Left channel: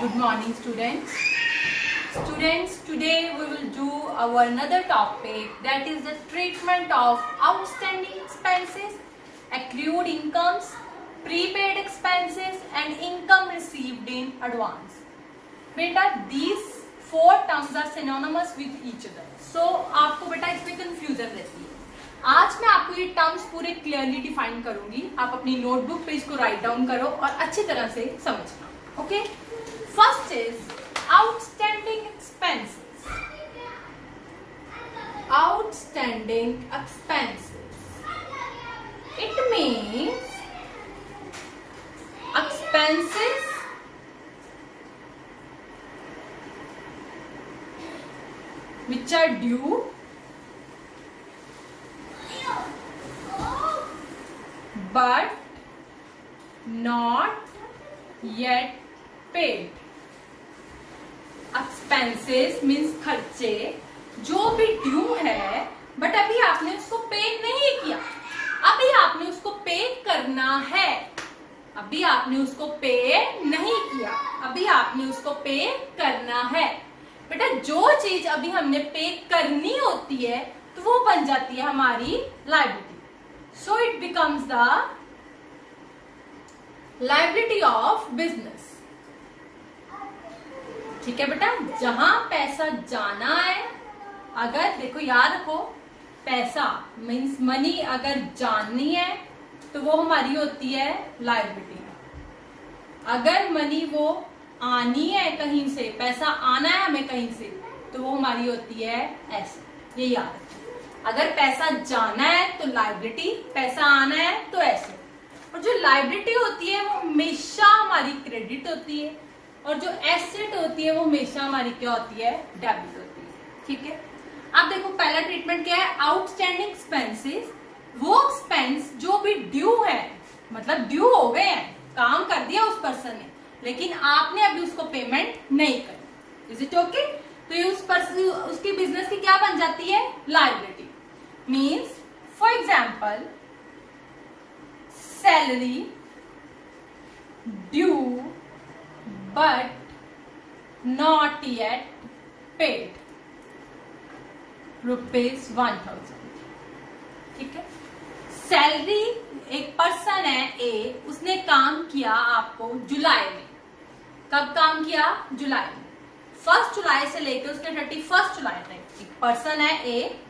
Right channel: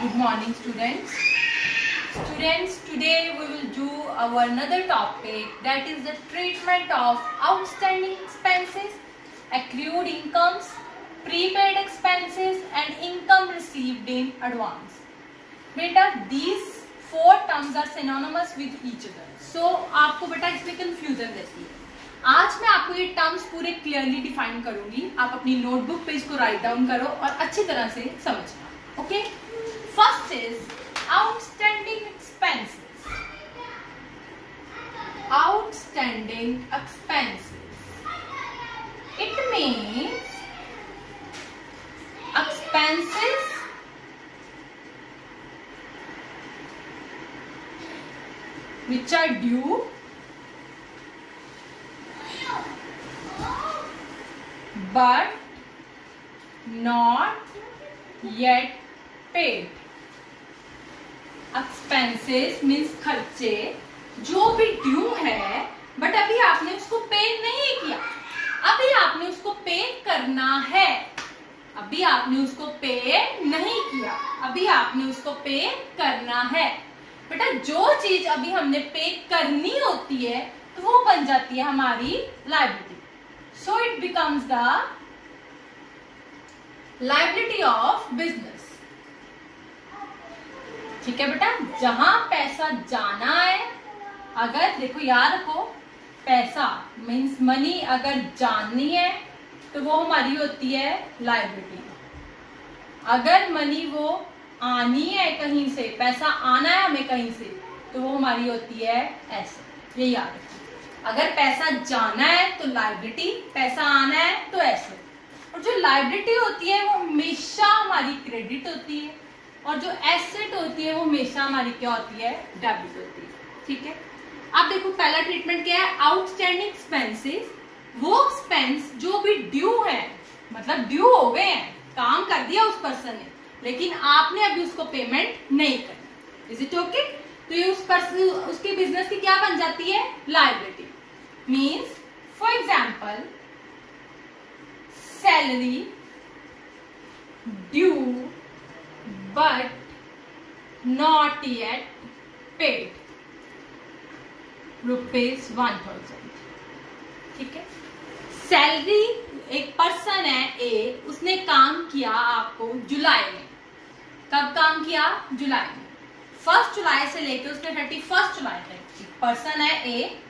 Good morning, students. Students, today we will do our another topic, that is the treatment of outstanding expenses, accrued incomes, prepaid expenses and income received in advance. बेटा these four terms are synonymous with each other. So आपको बेटा इसमें confusion रहती है. आज मैं आपको ये टर्म्स पूरे क्लियरली डिफाइन करूंगी. आप अपनी नोटबुक पे इसको राइट डाउन करो और अच्छी तरह से समझना. Okay, first is outstanding expenses. Outstanding expenses, it means expenses which are due but not yet paid. Expenses means खर्चे जो भी ड्यू है बट अभी आपने उसको पे नहीं किया. अभी आपने उसको पे करना है. अभी आपने उसको पे नहीं किया, अभी आपने उसको पे करना है. बेटा जो चीज अभी हमने पे करनी होती है तो वो बन जाती है हमारी liability. So it becomes the liability of business. ठीक है बेटा, जहां पैसा जाना है, अगर देखो याद रखो, पैसा मीन्स मनी अगर जाननी है तो वो हमारी होती है लायबिलिटी. अगर मनी वो आनी है कहीं से, पैसा आना है हमें कहीं से, तो वो हमारी होती है एसेट. ये याद रखो, अगर पैसा जाना है तो लायबिलिटी, पैसा आना है तो एसेट. और जो लायबिलिटी होती है वो हमेशा हमारी क्रेडिट होती है और जो एसेट होती है वो हमेशा हमारी क्या होती है, डेबिट होती है. ठीक है, अब देखो पहला ट्रीटमेंट क्या है, आउटस्टैंडिंग एक्सपेंसेस. वो एक्सपेंस जो भी ड्यू है, मतलब ड्यू हो गए हैं, काम कर दिया उस पर्सन ने, लेकिन आपने अभी उसको पेमेंट नहीं करी. Is it okay? तो ये उस पर्सन, उसकी बिजनेस की क्या बन जाती है, liability. Means for example salary due but not yet paid ₹1000. ठीक है, सैलरी, एक पर्सन है ए, उसने काम किया आपको जुलाई में. कब काम किया, जुलाई में. 1 जुलाई से लेकर उसने 31 जुलाई तक, पर्सन है ए,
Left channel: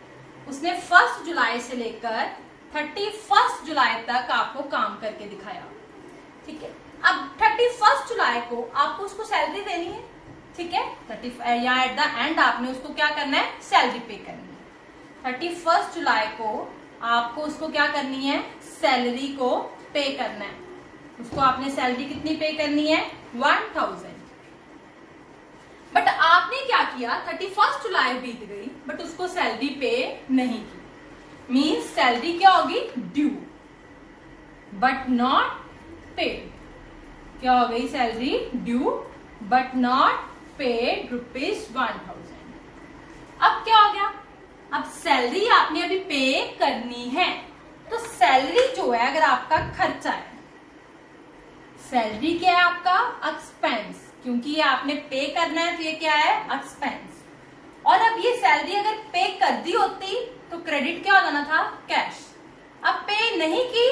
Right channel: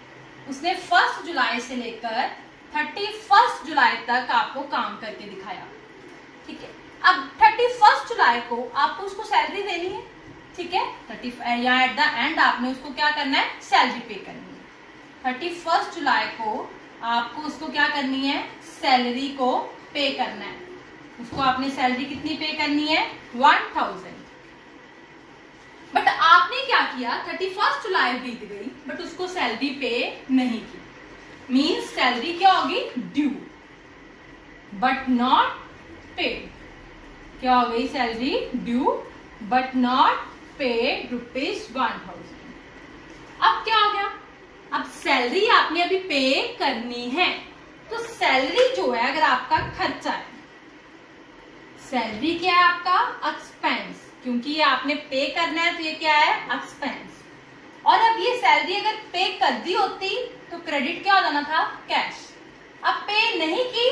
उसने 1 जुलाई से लेकर 31 जुलाई तक आपको काम करके दिखाया. ठीक है, अब 31 जुलाई को आपको उसको सैलरी देनी है. ठीक है, 30 या एट द एंड आपने उसको क्या करना है, सैलरी पे करनी है. 31 जुलाई को आपको उसको क्या करनी है, सैलरी को पे करना है. उसको आपने सैलरी कितनी पे करनी है, 1000. बट आपने क्या किया, 31 जुलाई बीत गई बट उसको सैलरी पे नहीं की. मीन्स सैलरी क्या होगी, ड्यू बट नॉट पेड. क्या हो गई, salary due but not paid ₹1000. अब क्या हो गया, अब सैलरी आपने अभी पे करनी है. तो सैलरी जो है, अगर आपका खर्चा है, सैलरी क्या है आपका, एक्सपेंस, क्योंकि ये आपने पे करना है तो ये क्या है, एक्सपेंस. और अब ये सैलरी अगर पे कर दी होती तो क्रेडिट क्या हो जाना था, कैश. अब पे नहीं की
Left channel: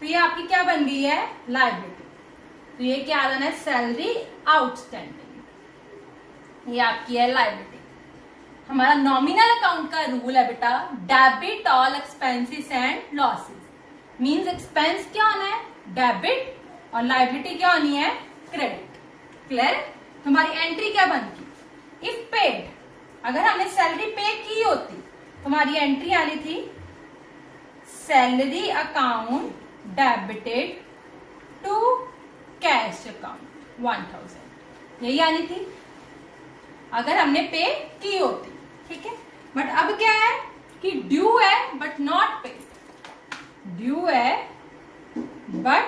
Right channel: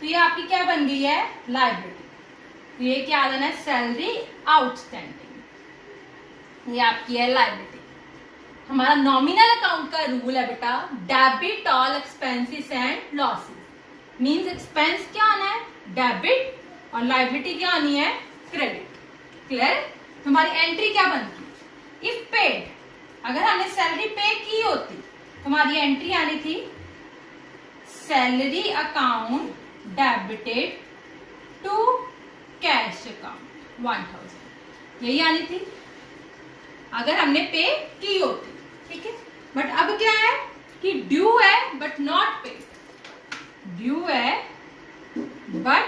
तो ये आपकी क्या बन गई है, लायबिलिटी. तो ये क्या आ जाना है, सैलरी आउटस्टैंडिंग, ये आपकी है लायबिलिटी. हमारा नॉमिनल अकाउंट का रूल है बेटा, debit all expenses and losses. Means expense क्या आना है, डेबिट, और लायबिलिटी क्या आनी है, क्रेडिट. क्लियर? तुम्हारी एंट्री क्या बनती, इफ पेड, अगर हमने सैलरी पे की होती तो हमारी एंट्री आनी थी, salary account debited to cash account 1000. यही आनी थी अगर हमने पे की होती. ठीक है, बट अब क्या है कि ड्यू है बट नॉट पेड. ड्यू है बट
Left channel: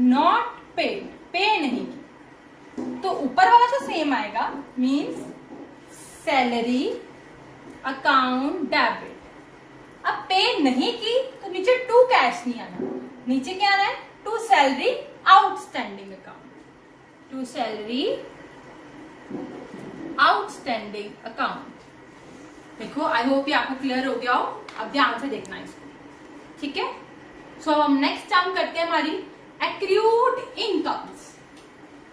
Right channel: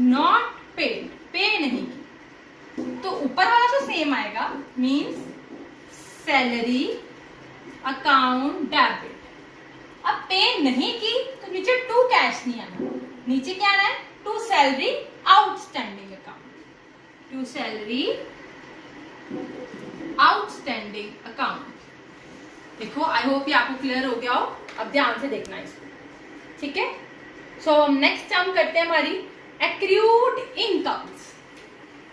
नॉट पेड, पे नहीं की, तो ऊपर वाला तो सेम आएगा. Means salary account debit. अब पे नहीं की तो नीचे टू कैश नहीं आना, नीचे क्या आना है, to salary outstanding account. To salary outstanding account. देखो आई होप ये आपको क्लियर हो गया हो, अब ध्यान से देखना इसको, ठीक है। सो हम नेक्स्ट हम करते हैं हमारी accrued incomes.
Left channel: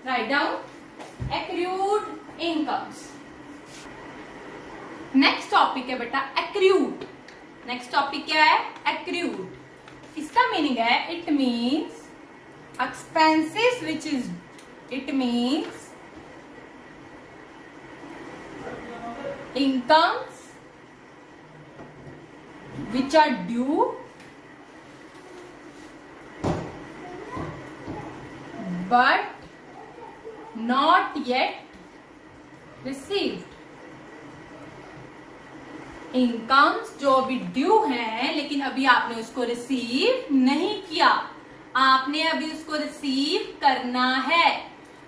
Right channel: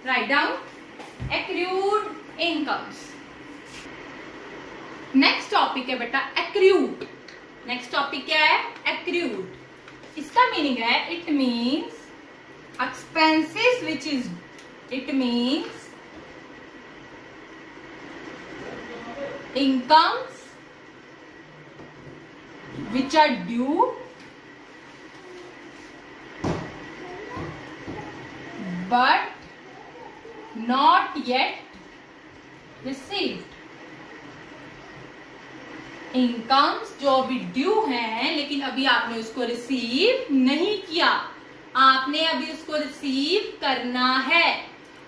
Write down accrued incomes. Next topic है बेटा एक्रूड। नेक्स्ट टॉपिक क्या है? एक्रूड। इसका मीनिंग है it means expenses which is, it means incomes which are due but not yet received। Incomes जो अभी ड्यू हैं लेकिन अभी आपने उसको रिसीव नहीं किया, आपने अभी उसको रिसीव करना है।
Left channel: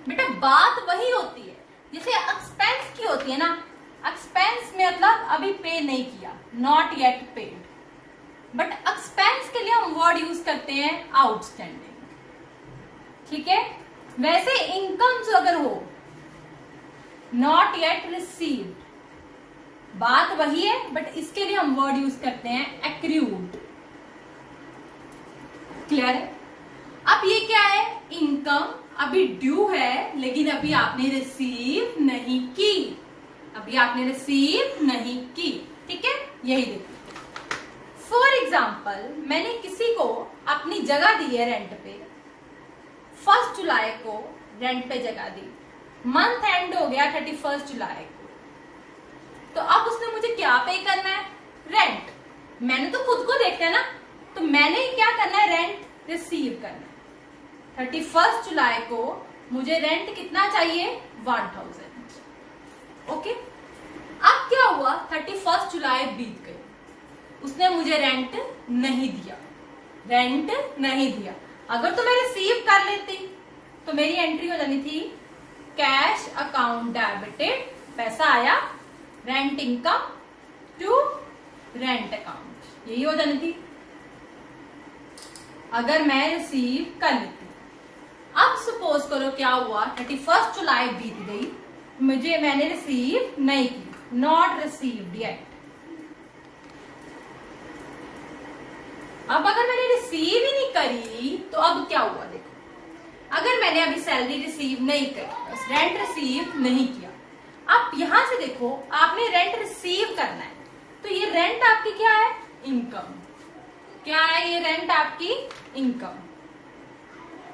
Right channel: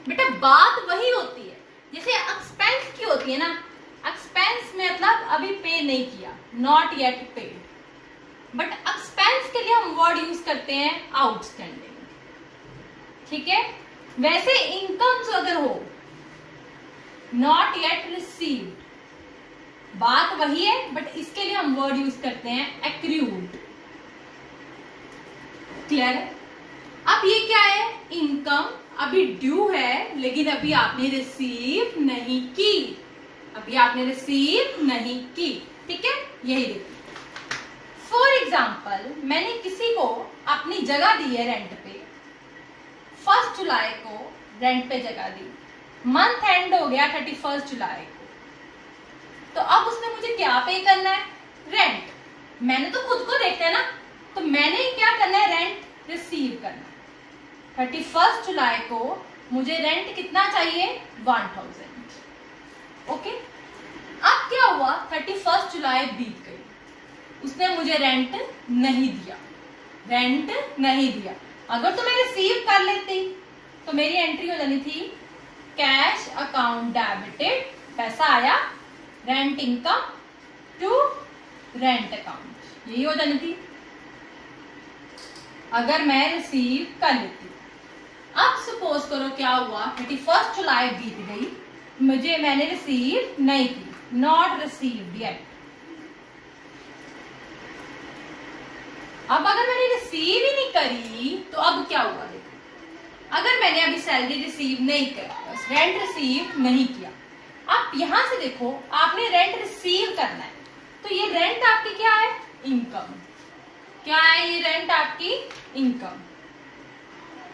बेटा बात वही होती है जैसे एक्सपेंस की होती है ना, एक्सपेंस में मतलब अभी पे नहीं किया, not yet paid, but expense के लिए हम वर्ड यूज करते हैं आउटस्टैंडिंग, ठीक है। वैसे इनकम्स अगर हो नॉट येट रिसीव्ड, बात वही है बट इसके लिए हम वर्ड यूज करते हैं एक्रूड। क्लियर? अब ये क्या है? इनकम अभी ड्यू है लेकिन अभी आपने रिसीव नहीं की, अभी आपने रिसीव नहीं की, ठीक है। यही देखिए फॉर एग्जाम्पल मैंने किसी को अपनी जगह दी है रेंट पे, 1 जुलाई को रेंट पे जगह दी, मंथ एंड हो गया 31 जुलाई को, तो अब उसने मुझे क्या पे करना है? रेंट। मैंने तो खुद को देखना है ना, तो मैंने क्या करना है? रेंट रिसीव करना है। 31 जुलाई को मुझे रेंट कितना चाहिए? 1000। ओके अब क्या हुआ? 31 जुलाई बीत गई, उसने मुझे रेंट नहीं दिया, रेंट नहीं दिया। अगर तो मैं रिसीव कर लेती तो मेरी एंट्री हो जानी थी कैश अकाउंट डेबिटेड, पैसा आया, rent income to rent account, यही हो जानी थी अगर मैं रिसीव कर लेती। अब सपोज करो क्या हुआ? 31 जुलाई बीत गई, मैंने रिसीव नहीं की, नॉट रिसीव्ड येट। अब अगर मैंने रिसीव ही नहीं करी तो अब क्या हुआ? देखो अगर मैंने अभी सैलरी रिसीव नहीं करी, बस रेंट रिसीव नहीं किया, अब यहां से देखो आपने रेंट रिसीव करना है, तो ये रेंट आपकी क्या है? इनकम। क्या है ये रेंट आपकी? इनकम।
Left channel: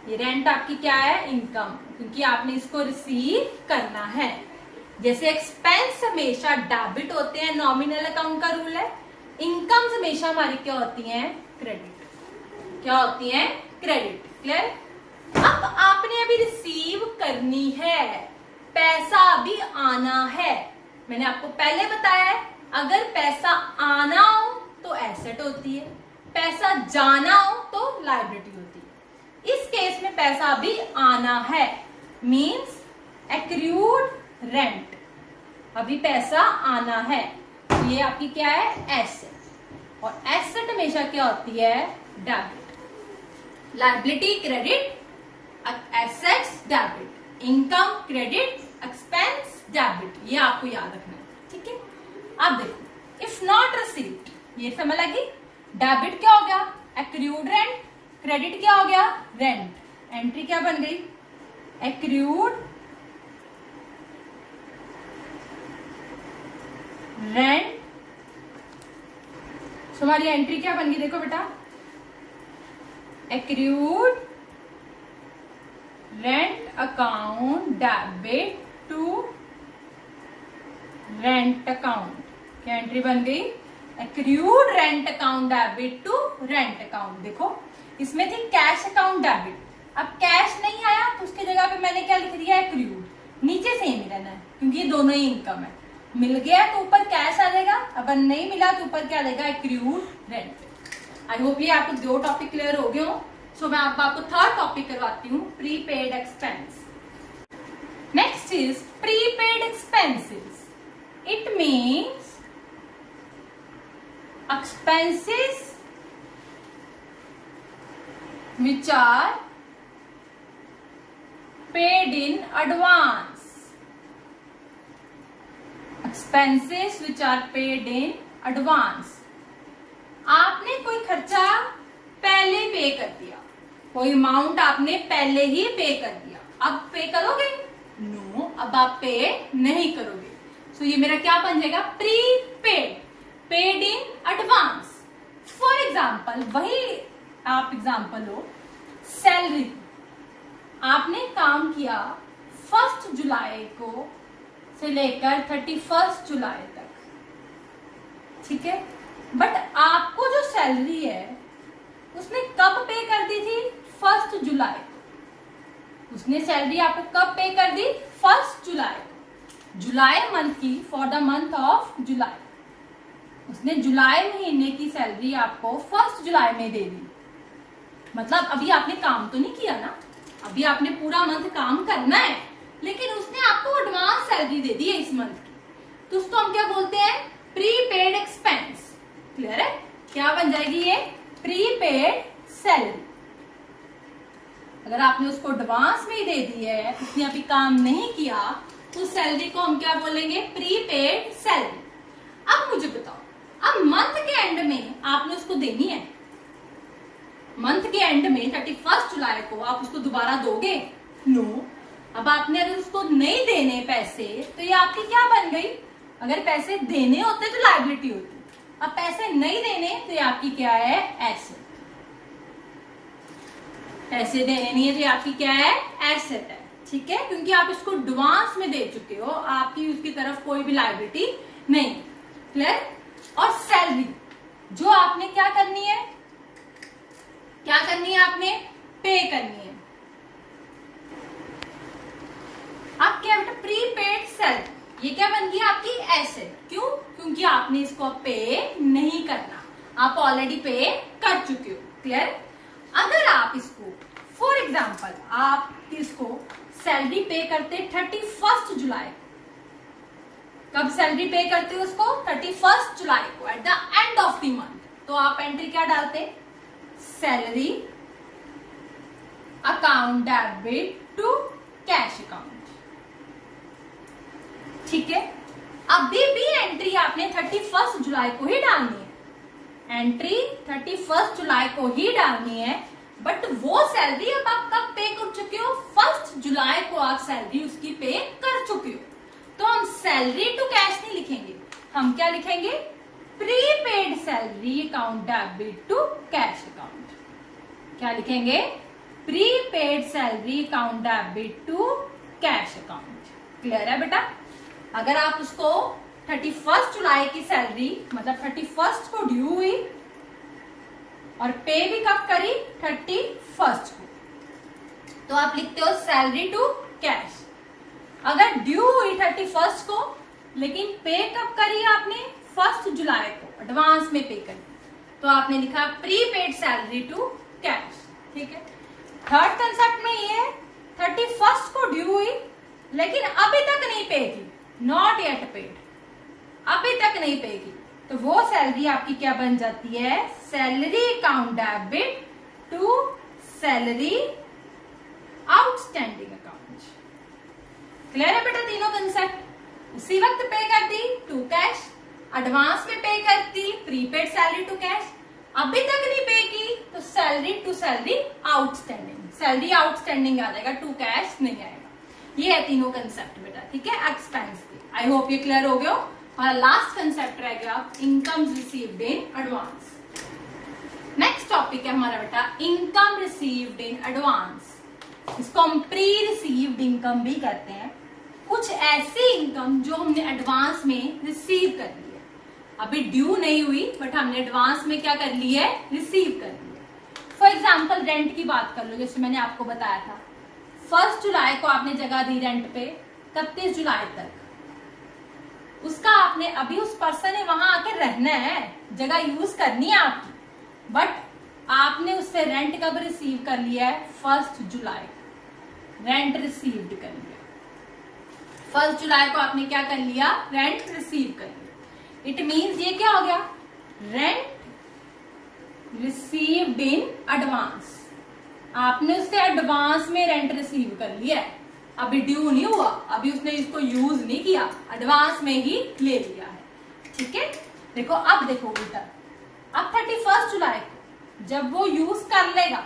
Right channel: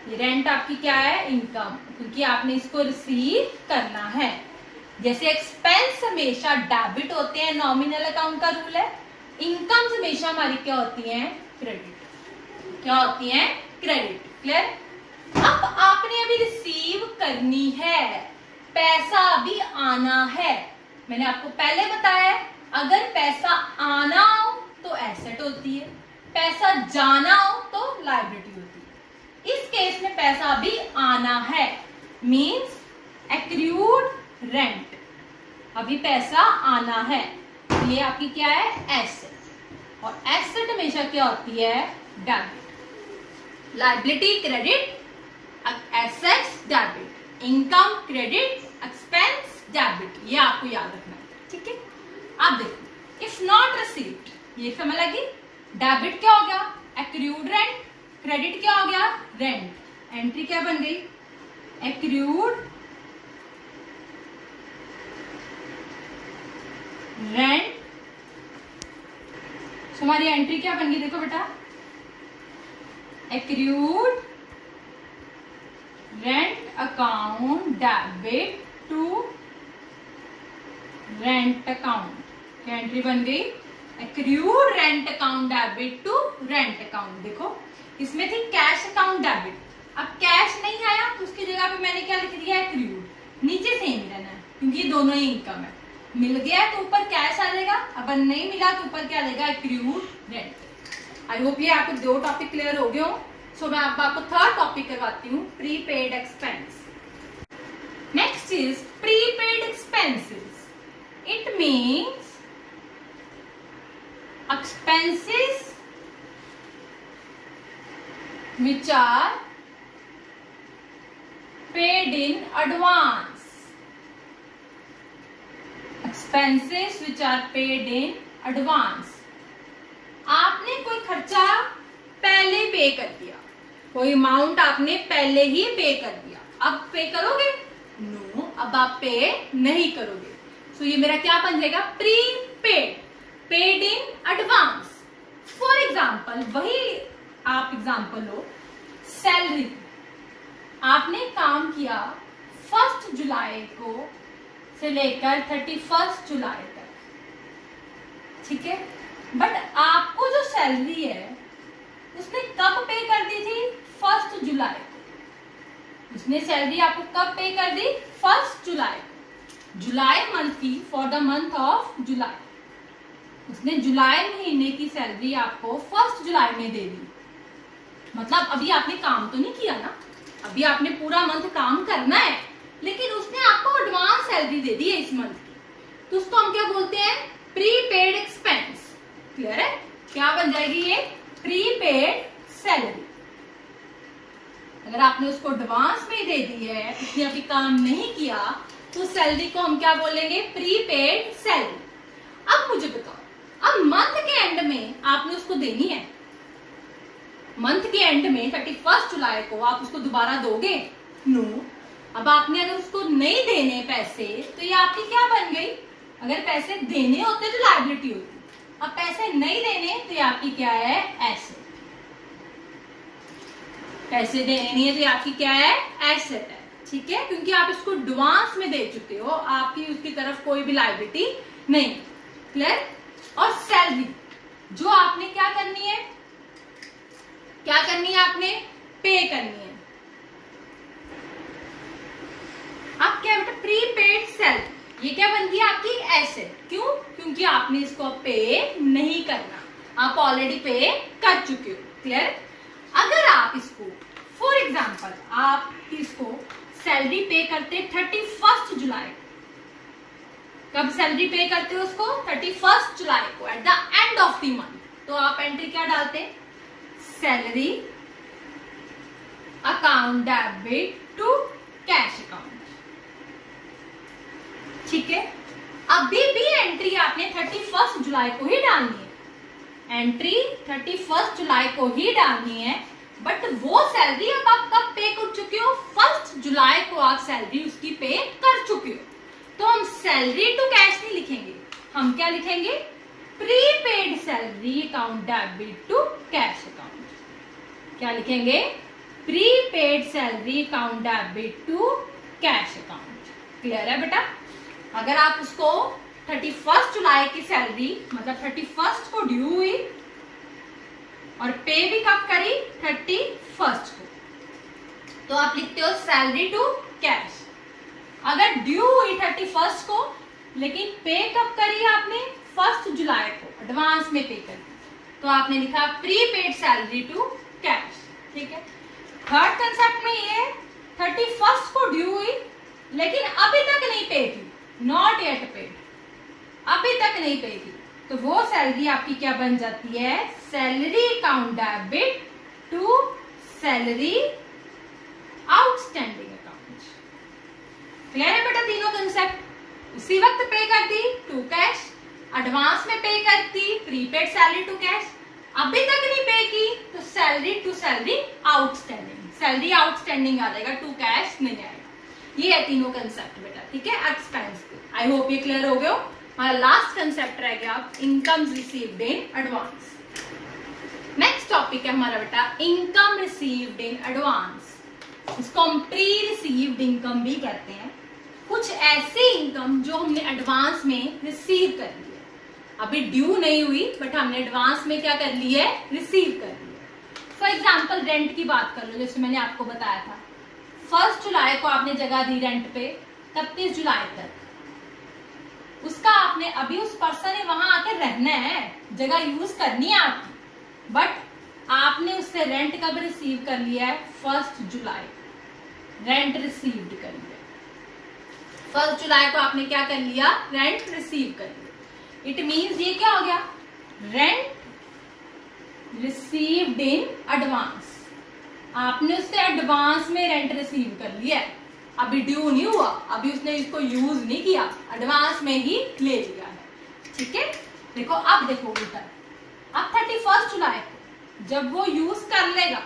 ये रेंट आपकी क्या है? इनकम, क्योंकि आपने इसको रिसीव करना है। जैसे एक्सपेंस हमेशा डेबिट होते हैं, नॉमिनल अकाउंट का रूल है, इनकम्स हमेशा हमारी क्या होती हैं? क्रेडिट। क्या होती हैं? क्रेडिट। क्लियर? अब आपने अभी रिसीव करनी है, पैसा अभी आना है। मैंने आपको पहले बताया है अगर पैसा आना हो तो एसेट होती है, पैसा जाना हो तो लायबिलिटी होती है। इस केस में पैसा अभी आना है, मींस एक्रूड रेंट, अभी पैसा आना है, ये आपकी क्या है? एसेट। और एसेट हमेशा क्या होती है? Debit. Liability credit, assets debit, income credit, expense debit, ये आपको याद रखना है, ठीक है। अब देखो इफ नॉट रिसीव्ड, ये समझ लगी? डेबिट क्या हो गया? एक्रूड रेंट, क्रेडिट क्या हो गया? रेंट, एंट्री क्या बन गई? Accrued rent. हमारी एंट्री क्या बन गई? देखो बेटा accrued rent account debit to rent account, क्या एंट्री बन गई? Accrued rent account debit to rent account. देखो इसमें थी कैश अकाउंट डेबिट, अब कैश नहीं आया तो उसकी जगह पे मैंने क्या लिख दिया? एक्रूड। नीचे सेम ही रहना है क्योंकि दोनों ही इनकम है, मिल गया तो ऊपर कैश आ जाएगा, अब नहीं मिला तो ऊपर क्या आ जाएगा? Accrued rent. आई होप ये आपको 2 टॉपिक क्लियर हो गए हो। सो मैं आपको 3rd टॉपिक करवाती हूँ, prepaid expense. Next is prepaid expenses. It means expenses which are paid in advance, expenses which are paid in advance. आपने कोई खर्चा पहले पे कर दिया, कोई अमाउंट आपने पहले ही पे कर दिया, अब पे करोगे? नो, अब आप पे नहीं करोगे। सो ये मेरा क्या बन जाएगा? Prepaid, paid in advance. For example, वही आप एग्जाम्पल लो, सैलरी आपने काम किया 1 जुलाई को से लेकर 31 जुलाई तक, ठीक है, बट आपको जो सैलरी है उसने कब पे कर दी थी? 1 जुलाई को। उसने सैलरी आपको कब पे कर दी? 1 जुलाई को, जुलाई मंथ की, for the month of July. उसने जुलाई महीने की सैलरी आपको 1 जुलाई में दे दी। मतलब अभी आपने काम तो नहीं किया ना, अभी आपने पूरा मंथ काम करना है, लेकिन उसने आपको एडवांस सैलरी दे दी है इस मंथ की, तो उसको हम क्या बोलते हैं? Prepaid expense. क्लियर है? क्या बन जाएगी ये? Prepaid salary. अगर आपने उसको एडवांस में दे दी है, उसने अभी काम नहीं किया, तो सैलरी को हम क्या बोलेंगे? Prepaid salary. अब मुझे बताओ, अब मंथ के एंड में आपने उसको देनी है, मंथ के एंड में 31 जुलाई को आप उसको दोबारा दोगे? नो। अब आपने अगर उसको नहीं देने पैसे, तो ये आपकी क्या बन गई? अगर पैसे देने होते तो लायबिलिटी होती, अब पैसे नहीं देने तो ये आपकी क्या है? एसेट। पैसे देने नहीं है तो ये आपकी क्या है? एसेट है, ठीक है, क्योंकि आप इसको एडवांस में दे चुके हो, आपकी उसकी तरफ कोई भी लायबिलिटी नहीं। क्लियर? और सैलरी जो आपने क्या करनी है, क्या करनी है? आपने पे करनी है। आप क्या बेटा? प्रीपेड सैलरी, ये क्या बन गई? आपकी एसेट। क्यों? क्योंकि आपने इसको अब पे नहीं करना, आप ऑलरेडी पे कर चुके हो। क्लियर? अगर आप इसको, फॉर एग्जाम्पल, आप इसको सैलरी पे करते 31 जुलाई, कब सैलरी पे करते हो उसको? 31 जुलाई को, at the end of the month, तो आप एंट्री क्या डालते? Salary account debit to cash account, ठीक है। अभी भी एंट्री आपने 31 जुलाई को ही डालनी है, एंट्री 31 जुलाई को ही डालनी है, बट वो सैलरी अब आप कब पे कर चुके हो? 1 जुलाई को आप सैलरी उसकी पे कर चुके हो, तो हम सैलरी टू कैश नहीं लिखेंगे, हम क्या लिखेंगे? Prepaid salary account debit to cash account. क्या लिखेंगे? Prepaid salary account debit to cash account. Clear है बेटा? अगर आप उसको 31 जुलाई की सैलरी, मतलब 31 को ड्यू हुई और पे भी कब करी? 31 को, तो आप लिखते हो सैलरी टू कैश। अगर ड्यू हुई 31 को, लेकिन पे कब करी आपने? 1 जुलाई को, एडवांस में पे करी, तो आपने लिखा प्रीपेड सैलरी टू कैश। ठीक है। थर्ड कंसेप्ट में ये 31 को ड्यू हुई, लेकिन अभी तक नहीं पे की, नॉट येट पेड, अभी तक नहीं पे की, तो वो सैलरी आपकी क्या बन जाती है? Salary account debit to salary outstanding account. Clear है बेटा? तीनों कंसेप्ट उसी वक्त पे कर दी टू कैश, एडवांस में पे करती प्रीपेड सैलरी टू कैश, अभी तक नहीं पे की तो salary to salary outstanding, salary outstanding आ जाएगा, टू कैश नहीं आएगा। ये है तीनों कंसेप्ट बेटा, ठीक है, एक्सपेंस के। आई होप ये क्लियर हो गया। हमारा लास्ट कंसेप्ट रह गया income received in advance. Next topic है हमारा बेटा इनकम रिसीव्ड इन एडवांस। इसको हम प्री रिसीव्ड इनकम भी कहते हैं। कुछ ऐसी इनकम जो हमने एडवांस में रिसीव कर ली है, अभी ड्यू नहीं हुई बट हमने एडवांस में क्या कर ली है? रिसीव कर ली है। फॉर एग्जाम्पल रेंट की बात कर लो, जैसे मैंने आपको बताया था 1 जुलाई को आपने जगह दी रेंट पे, 31 जुलाई तक उसका आपने, अभी उस पर्सन ने वहां आके रहना है, जगह यूज करनी है आपकी, बट आपने उससे रेंट कब रिसीव कर लिया है? 1 जुलाई, रेंट रिसीव्ड कर लिया। 1 जुलाई को आपने क्या कर लिया? रेंट रिसीव कर लिया। इट मींस ये क्या हो गया? रेंट रिसीव्ड इन एडवांस, आपने उससे एडवांस में रेंट रिसीव कर लिया है। अभी ड्यू नहीं हुआ, अभी उसने इसको यूज नहीं किया, एडवांस में ही ले लिया है। ठीक है, देखो अब देखो बेटा, अब 31 जुलाई को जब वो यूज कर लेगा,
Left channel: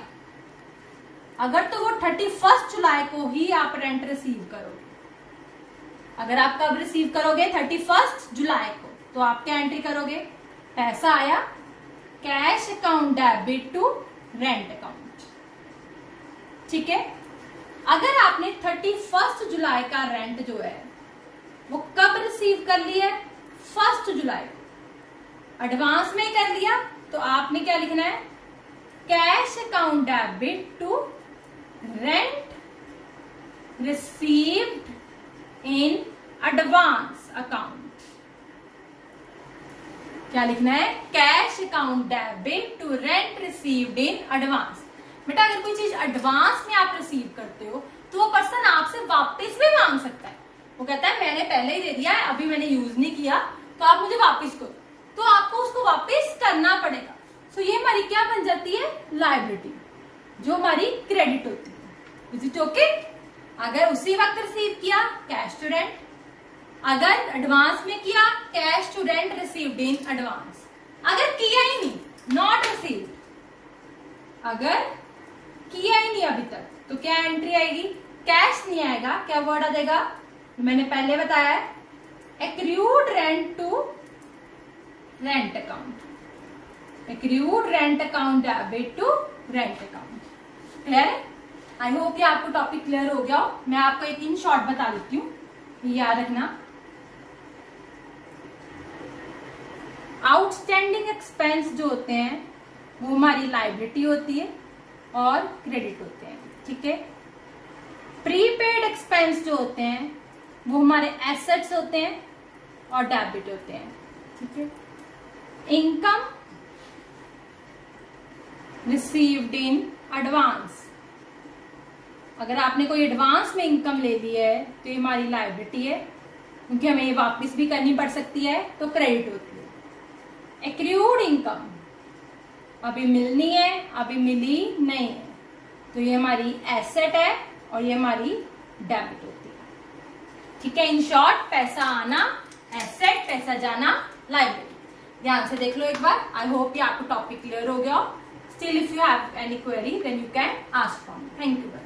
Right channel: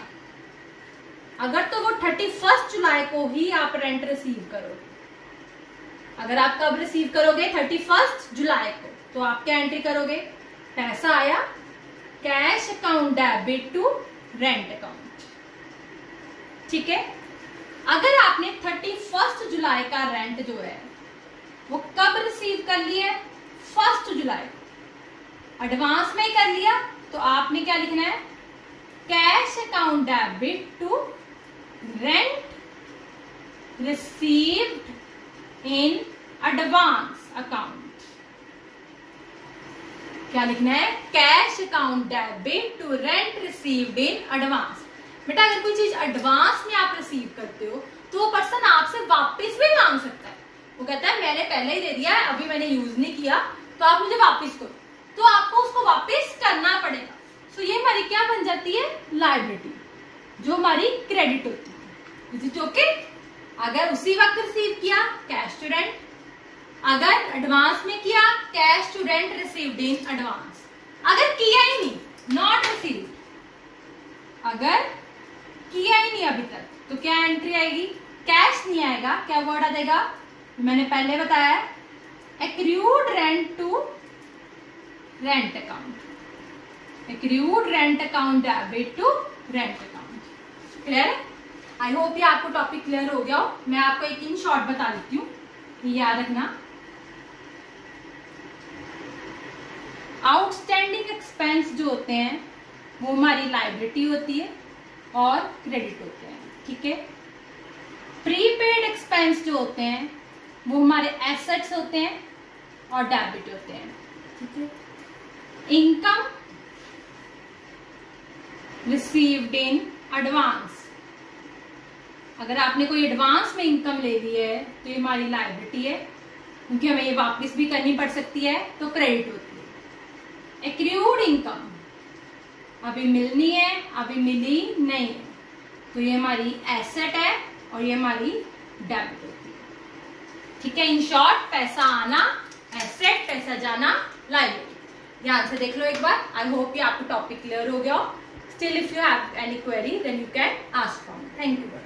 अगर तो वो 31 जुलाई को ही आप रेंट रिसीव करोगे। अगर आप कब रिसीव करोगे? 31 जुलाई को। तो आप क्या एंट्री करोगे? पैसा आया cash account debit to rent account. ठीक है, अगर आपने 31 जुलाई का रेंट जो है वो कब रिसीव कर लिया है? 1 जुलाई को, एडवांस में कर लिया, तो आपने क्या लिखना है? Cash account debit to rent received in advance account. क्या लिखना है? Cash account debit to rent received in advance. बेटा अगर कोई चीज एडवांस में आप रिसीव करते हो तो वो पर्सन आपसे वापस भी मांग सकता है। वो कहता है मैंने पहले ही दे दिया है, अभी मैंने यूज नहीं किया, तो आप मुझे वापस करो, तो आपको उसको वापस करना पड़ेगा। सो ये हमारी क्या बन जाती है? लायबिलिटी, जो हमारी क्रेडिट होती है। Is it okay? अगर उसी वक्त रिसीव किया, कैश टू रेंट। अगर एडवांस में किया, cash to rent received in advance. अगर किया ही नहीं, नॉट रिसीव्ड, अगर किया ही नहीं अभी तक, तो क्या एंट्री आएगी? कैश नहीं आएगा, क्या वर्ड आ जाएगा? मैंने पहले बताया है, accrued rent to rent account. Accrued rent account debit to rent account. Clear है? आई होप ये आपको टॉपिक क्लियर हो गया हो। मैं आपको एक इन शॉर्ट बता देती हूँ, याद रखना। आउटस्टैंडिंग एक्सपेंस जो होते हैं वो हमारी लायबिलिटी होती है और क्रेडिट होते हैं। ठीक है, प्रीपेड एक्सपेंस जो होते हैं वो हमारे एसेट्स होते हैं और डेबिट होते हैं। ठीक है, इनकम रिसीव्ड इन एडवांस, अगर आपने कोई एडवांस में इनकम ले ली है तो ये हमारी लायबिलिटी है, क्योंकि हमें ये वापस भी करनी पड़ सकती है, तो क्रेडिट होती है। एक्रूड इनकम, अभी मिलनी है, अभी मिली नहीं है, तो ये हमारी एसेट है और ये हमारी डेबिट होती है। ठीक है, इन शॉर्ट पैसा आना एसेट, पैसा जाना लायबिलिटी। ध्यान से देख लो एक बार। आई होप ये आपको टॉपिक क्लियर हो गया हो। Still if you have any query then you can ask from. Thank you.